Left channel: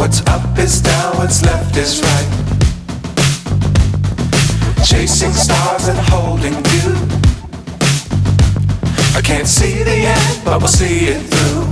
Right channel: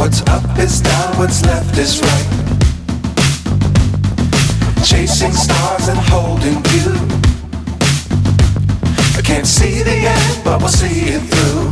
What's up is down, what's left is right. Chasing stars and holding you. I can't see the end, but we'll see it through.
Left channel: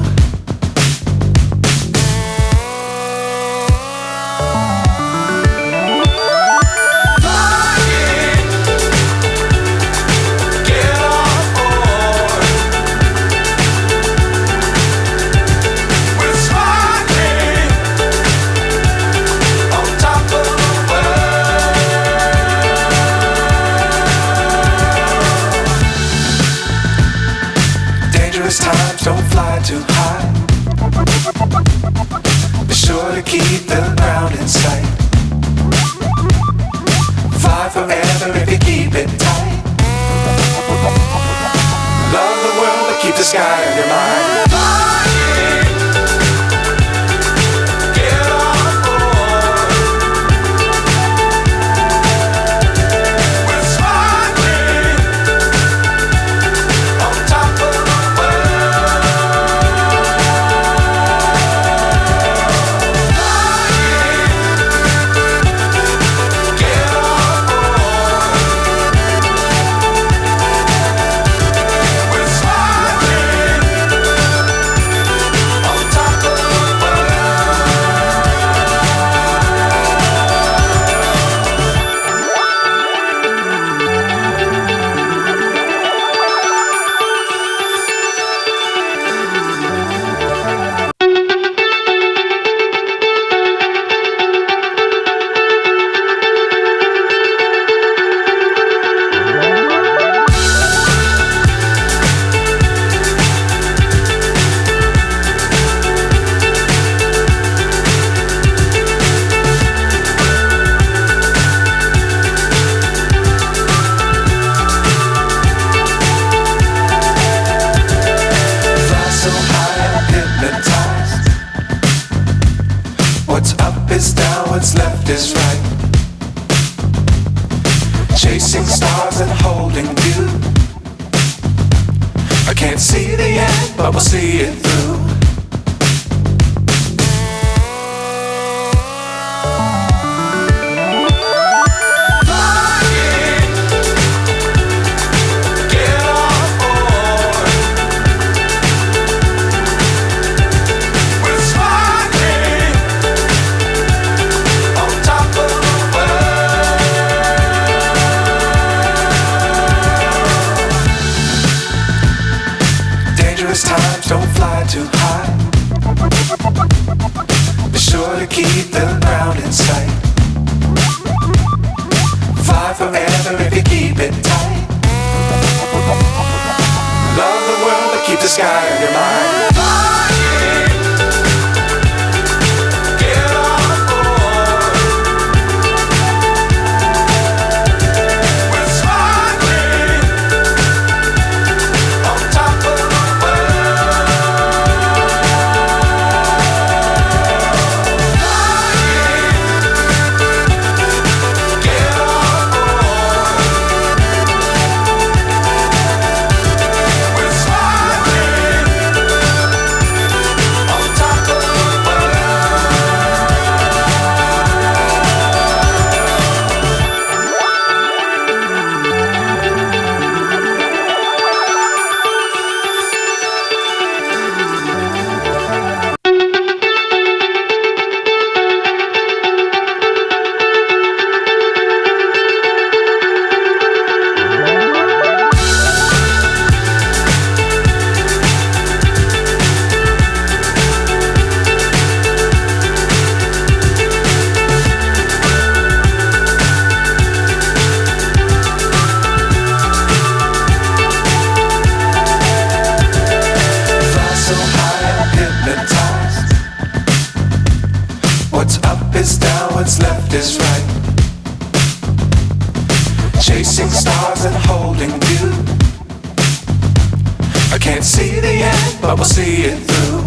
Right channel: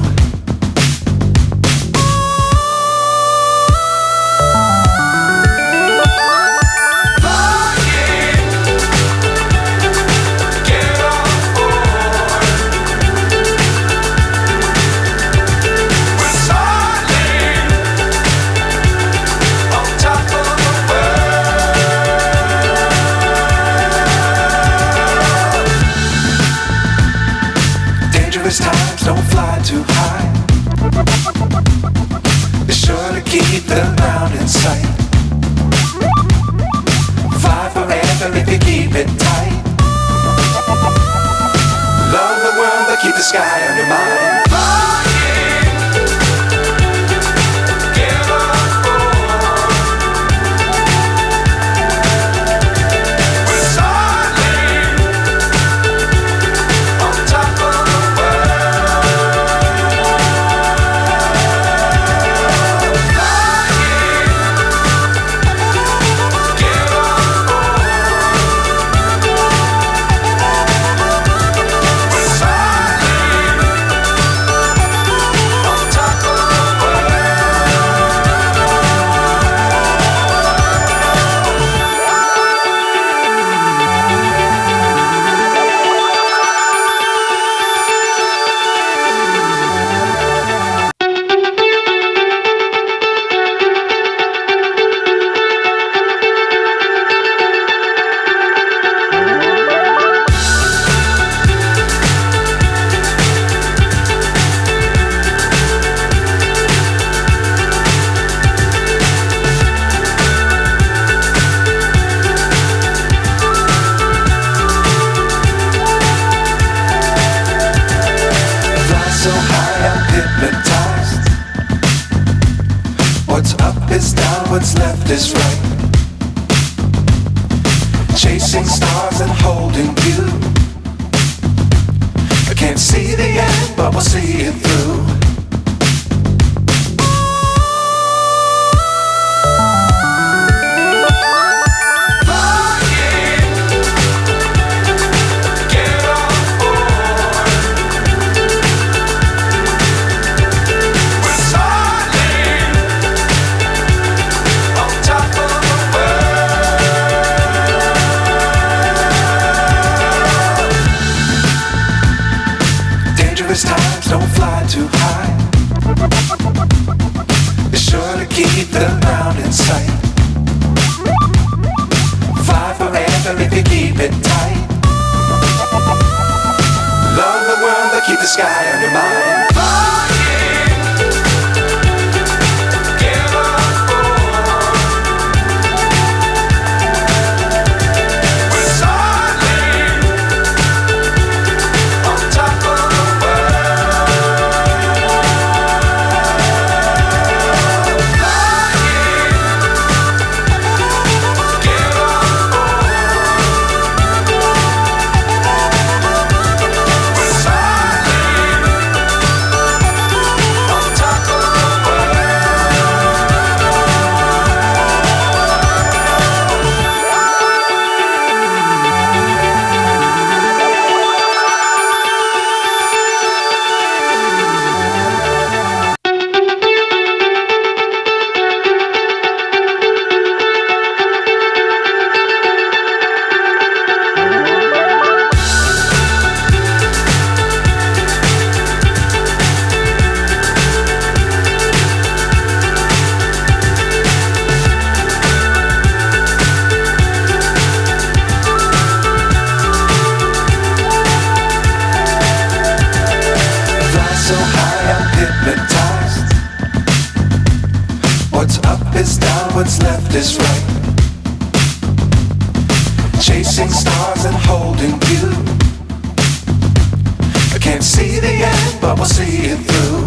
Times don't fly too high. Be sure to keep the ground in sight. Fly forever if you keep it tight. Love the world but keep the sky on your mind. So high I'm hypnotized. What's up is down, what's left is right. Chasing stars and holding you. I can't see the end, but we'll see it through. Times don't fly too high. Be sure to keep the ground in sight. Fly forever if you keep it tight. Love the world but keep the sky on your mind. So high I'm hypnotized. What's up is down, what's left is right. Chasing stars and holding you. I can't see the end, but we'll see it through.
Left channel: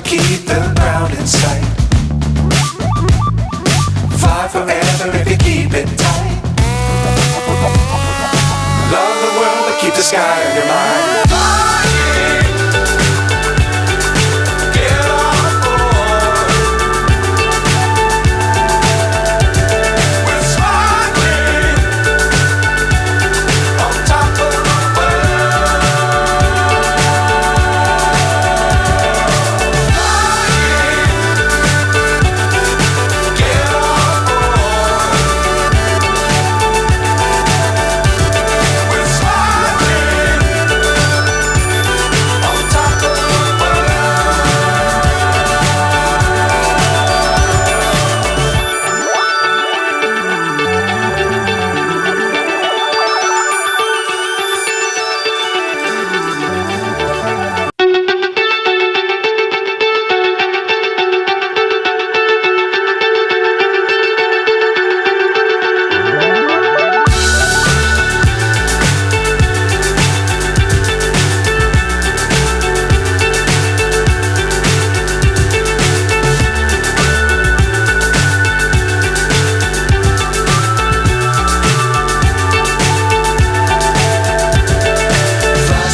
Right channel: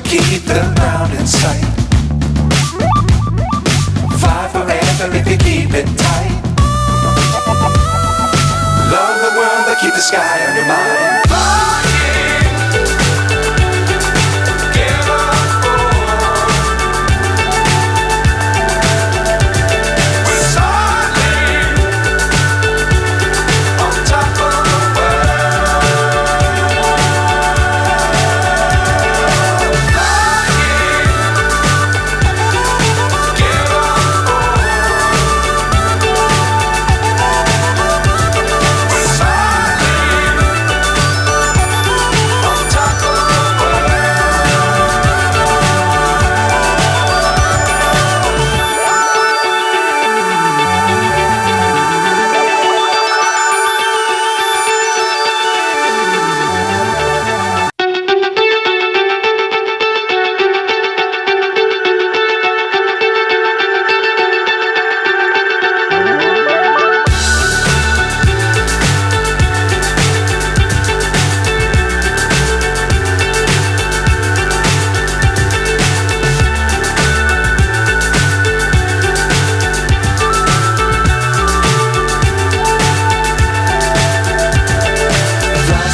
to keep the ground in sight. Fly forever if you keep it tight. Love the world but keep the sky on your mind.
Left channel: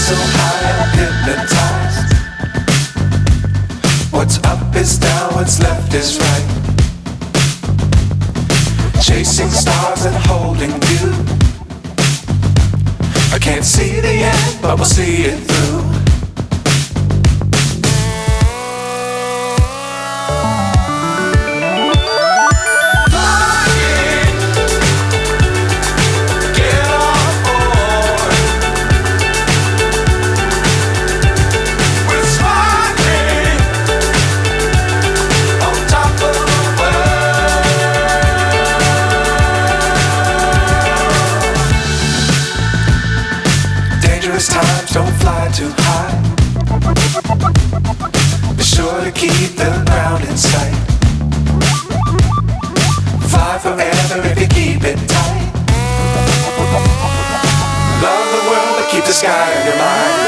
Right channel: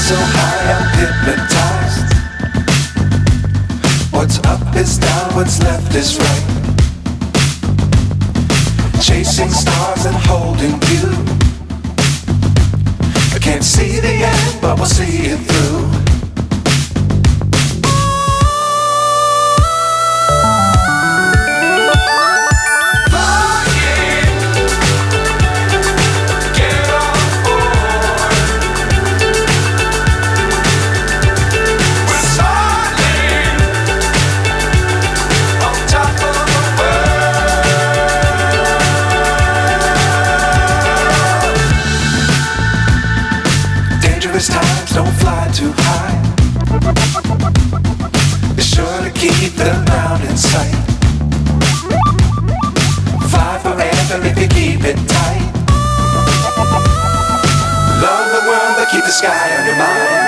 So high I'm hypnotized. What's up is down, what's left is right. Chasing stars and holding you. I can't see the end, but we'll see it through. Dangerous times, don't fly too high. Be sure to keep the ground in sight. Fly forever if you keep it tight. Love the world but keep the sky on your mind.